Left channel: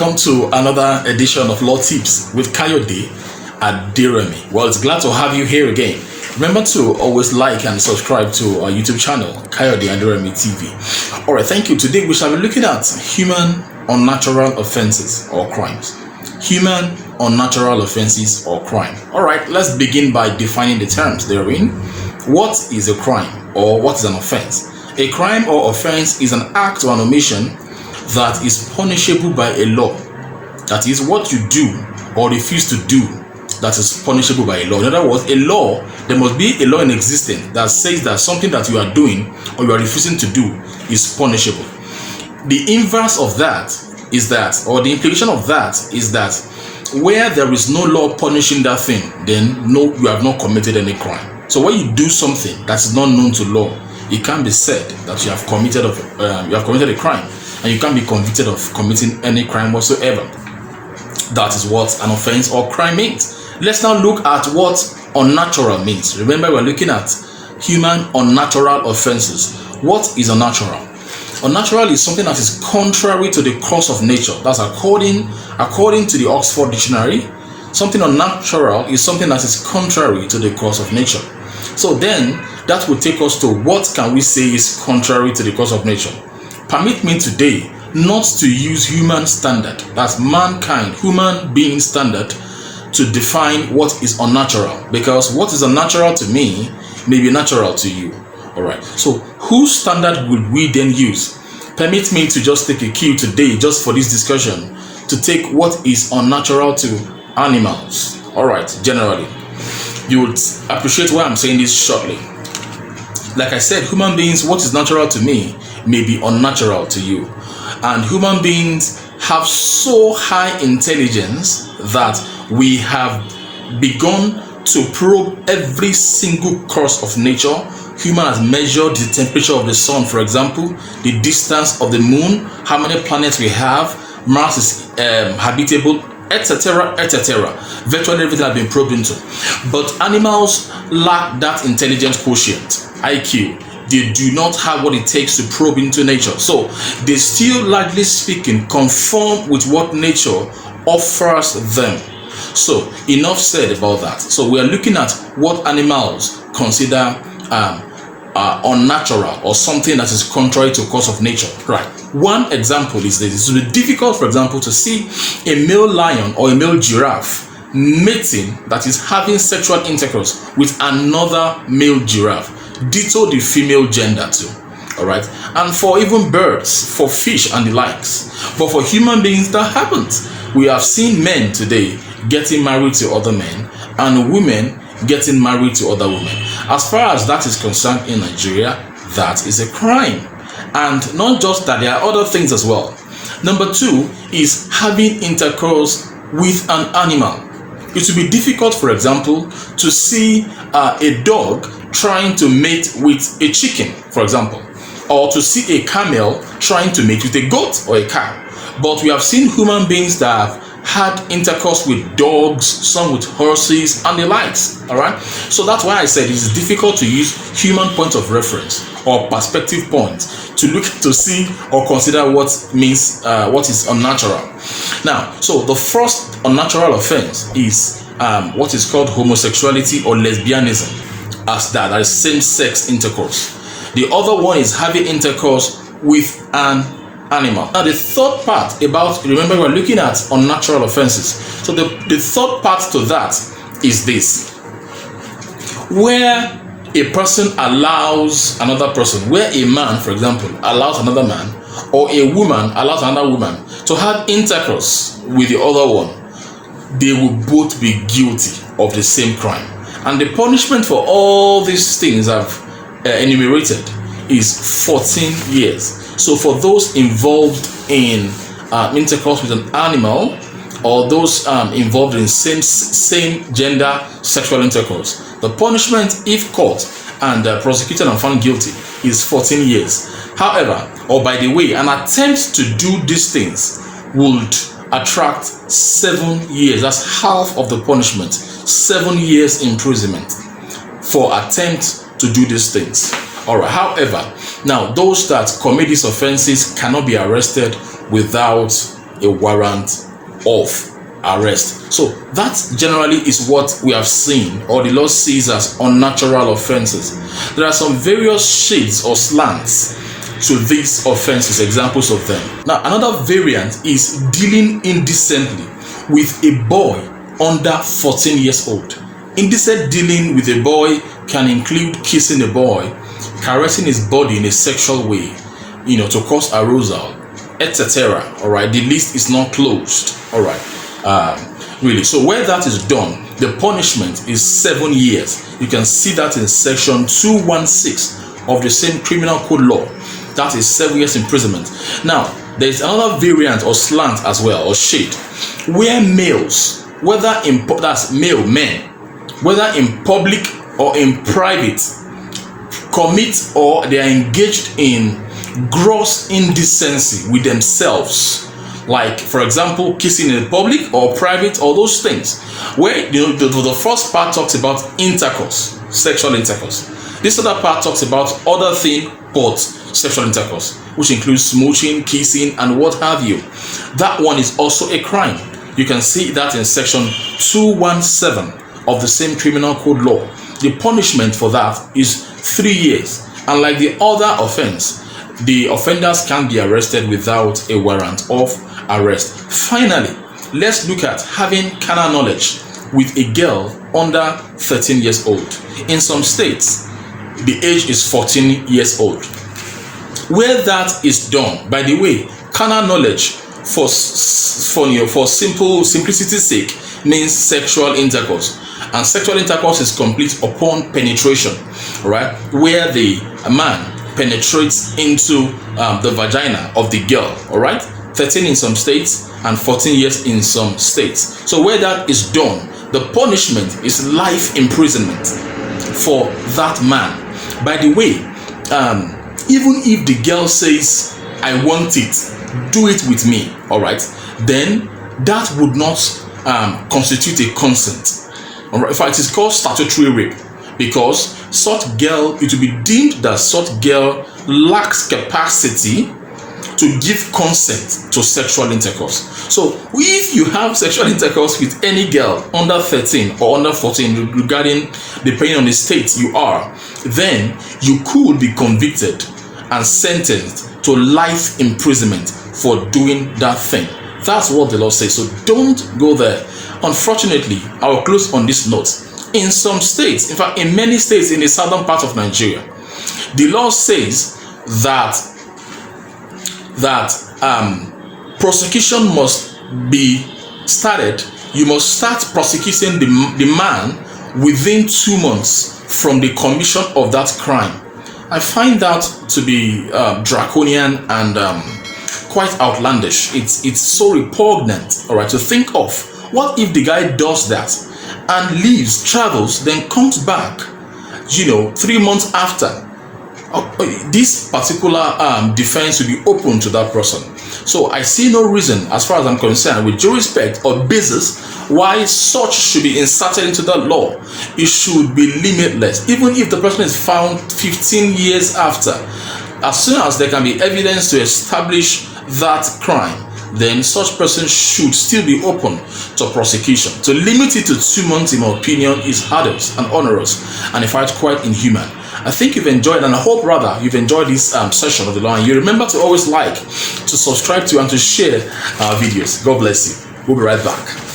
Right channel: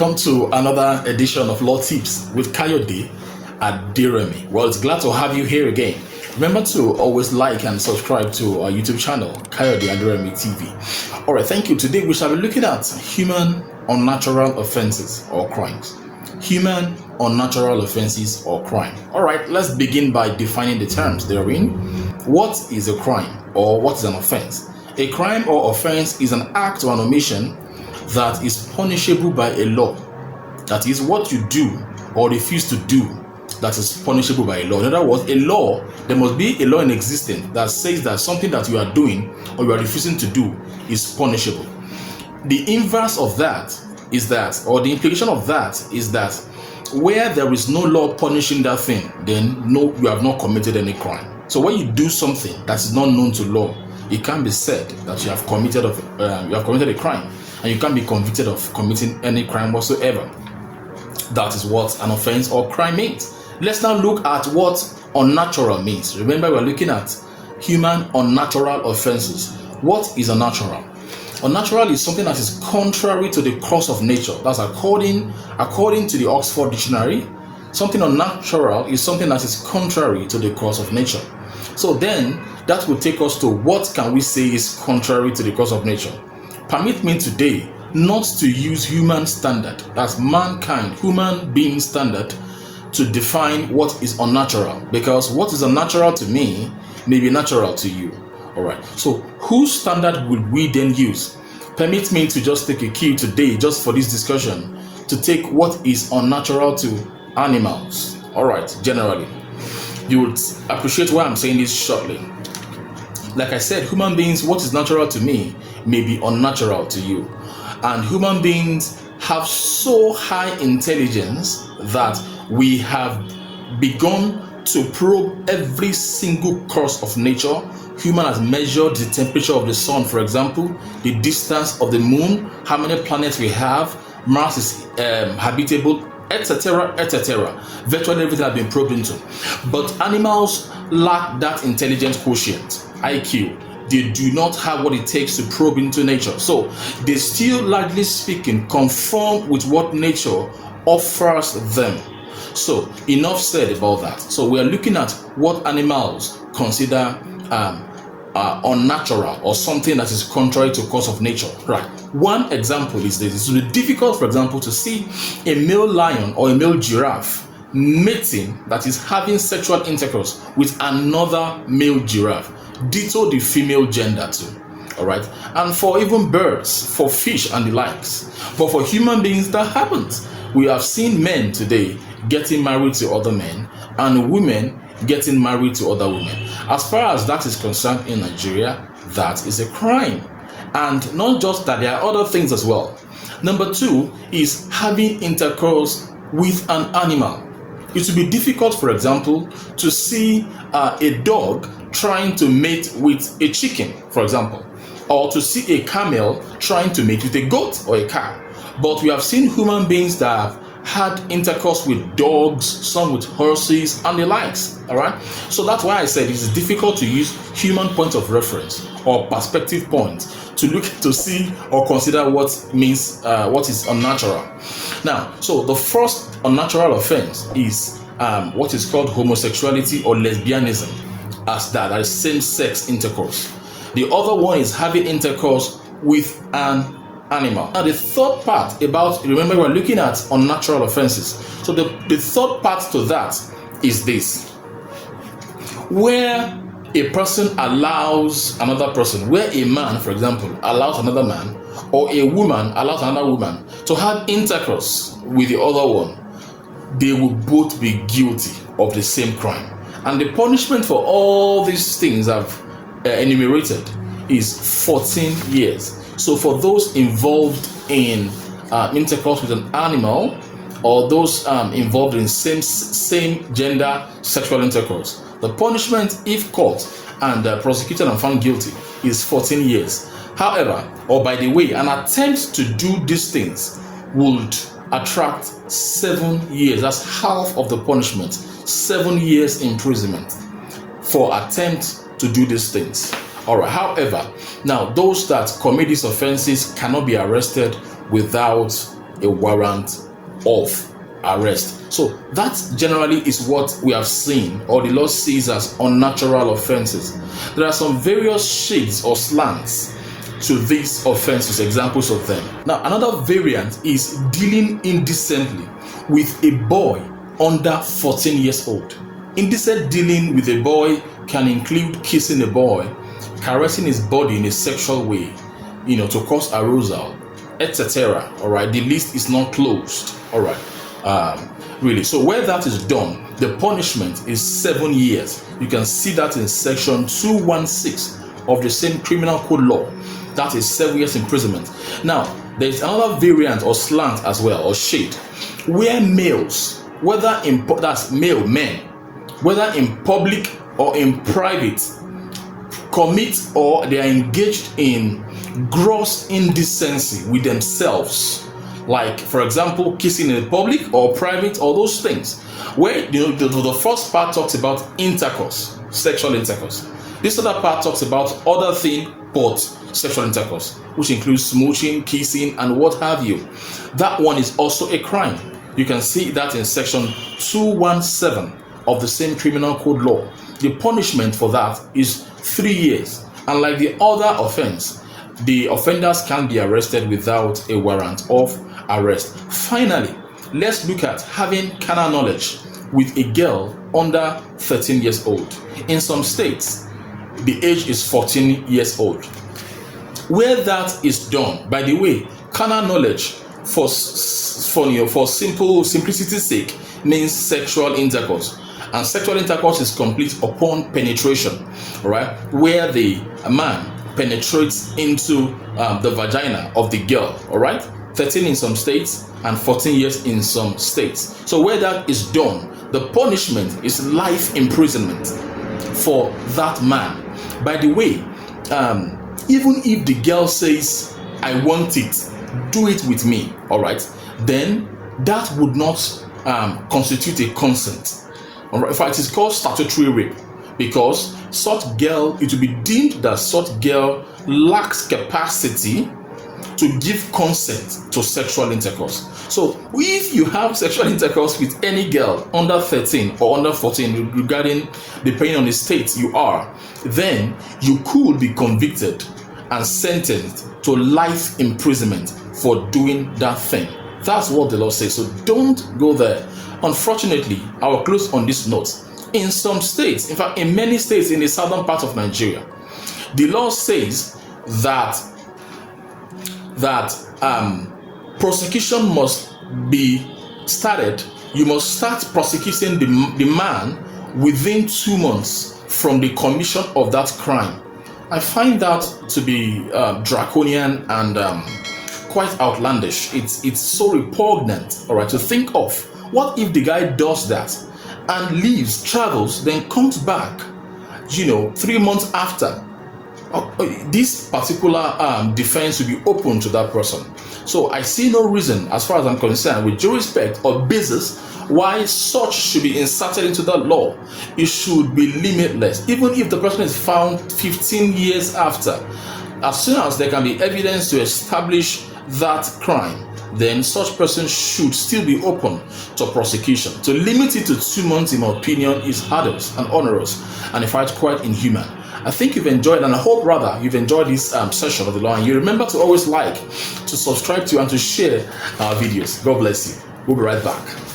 welcome to another edition of Law Tips with Kayode Aderemi. Well, it's glad to have you here again. Remember to always like and subscribe to our YouTube channel, Kayode Aderemi TV. Alright, thank you. Today we shall be looking at human unnatural offenses or crimes. Human unnatural offenses or crime. Alright, let's begin by defining the terms therein. What is a crime or what is an offense? A crime or offense is an act or an omission that is punishable by a law. That is what you do or refuse to do that is punishable by a law. In other words, a law, there must be a law in existence that says that something that you are doing or you are refusing to do is punishable. The inverse of that is that, or the implication of that is that where there is no law punishing that thing, then no, you have not committed any crime. So when you do something that is not known to law, it can be said that you have committed a crime, and you can't be convicted of committing any crime whatsoever. That is what an offense or crime means. Let's now look at what unnatural means. Remember, we're looking at human unnatural offenses. What is unnatural? Unnatural is something that is contrary to the course of nature. That's according to the Oxford Dictionary. Something unnatural is something that is contrary to the course of nature. So then, that will take us to what can we say is contrary to the course of nature. Permit me today not to use human standard, that's mankind, human being standard, to define what is unnatural, because what is unnatural to me may be natural to you. Alright, so whose standard would we then use? Permit me to just take a cue today, just for this discussion, to take what is unnatural to animals. Alright, generally. You would appreciate why I'm saying this shortly. Like I said, human beings, what is natural to me may be unnatural to you. And human beings have so high intelligence that we have begun to probe every single course of nature. Human has measured the temperature of the sun, for example, the distance of the moon, how many planets we have, Mars is habitable, etc., etc. Virtually everything has been probed into. But animals lack that intelligence quotient, IQ. They do not have what it takes to probe into nature. So they still, largely speaking, conform with what nature offers them. So enough said about that. So we are looking at what animals consider unnatural or something that is contrary to the course of nature. Right. One example is this. It will be difficult, for example, to see a male lion or a male giraffe mating, that is having sexual intercourse with another male giraffe. Ditto the female gender too. Alright, and for even birds, for fish and the likes. But for human beings, that happens. We have seen men today getting married to other men and women getting married to other women. As far as that is concerned in Nigeria, that is a crime. And not just that, there are other things as well. Number two is having intercourse with an animal. It will be difficult, for example, to see a dog trying to mate with a chicken, for example, or to see a camel trying to mate with a goat or a cow. But we have seen human beings that have had intercourse with dogs, some with horses, and the likes. All right. So that's why I said it is difficult to use human point of reference or perspective point to look to see or consider what is unnatural. Now, so the first unnatural offense is what is called homosexuality or lesbianism, as that is same-sex intercourse. The other one is having intercourse with an animal. Now the third part about, remember we're looking at unnatural offenses. So the third part to that is this. Where a person allows another person, where a man, for example, allows another man, or a woman allows another woman to have intercourse with the other one, they will both be guilty of the same crime. And the punishment for all these things I've enumerated is 14 years. So for those involved in intercourse with an animal, or those involved in same gender sexual intercourse, the punishment, if caught and prosecuted and found guilty, is 14 years. However, or by the way, an attempt to do these things would attract 7 years. That's half of the punishment. 7 years imprisonment for attempt to do these things. Alright, however, now those that commit these offenses cannot be arrested without a warrant of arrest. So that generally is what we have seen, or the law sees as unnatural offenses. There are some various shades or slants to these offenses, examples of them. Now, another variant is dealing indecently with a boy under 14 years old. Indecent dealing with a boy can include kissing a boy, caressing his body in a sexual way, to cause arousal, etc. All right, the list is not closed. All right, really. So where that is done, the punishment is 7 years. You can see that in section 216 of the same criminal code law. That is 7 years imprisonment. Now, there is another variant or slant as well, or shade, where males, whether in that's male men, whether in public or in private, commit or they are engaged in gross indecency with themselves, like, for example, kissing in public or private, or those things, where the first part talks about intercourse, sexual intercourse. This other part talks about other thing but sexual intercourse, which includes smooching, kissing, and what have you. That one is also a crime. You can see that in section 217 of the same criminal code law. The punishment for that is 3 years. And like the other offense, the offenders can be arrested without a warrant of arrest. Finally, let's look at having carnal knowledge with a girl under 13 years old. In some states, the age is 14 years old. Where that is done, by the way, carnal knowledge for simplicity's sake means sexual intercourse, and sexual intercourse is complete upon penetration, right? Where the man penetrates into the vagina of the girl, all right? 13 in some states and 14 years in some states. So where that is done, the punishment is life imprisonment for that man. By the way, even if the girl says, I want it, do it with me, all right, then that would not constitute a consent. All right? In fact, it is called statutory rape, because such girl, it will be deemed that such girl lacks capacity to give consent to sexual intercourse. So if you have sexual intercourse with any girl under 13 or under 14, regarding depending on the state you are, then you could be convicted and sentenced to life imprisonment for doing that thing. That's what the law says. So don't go there. Unfortunately, I will close on this note. In some states, in fact, in many states in the southern part of Nigeria, the law says that prosecution must be started. You must start prosecuting the man within 2 months from the commission of that crime. I find that to be draconian and quite outlandish. It's so repugnant, all right, to think of. What if the guy does that and leaves, travels, then comes back, 3 months after? This particular defense will be open to that person. So I see no reason, as far as I'm concerned, with due respect or basis, why such should be inserted into the law. It should be limitless, even if the person is found 15 years after. As soon as there can be evidence to establish that crime, then such person should still be open to prosecution. To limit it to 2 months, in my opinion, is hardest and onerous, and in fact quite inhuman. I think you've enjoyed, and I hope rather you've enjoyed this session of the law. And you remember to always like, to subscribe to, and to share our videos. God bless you. We'll be right back.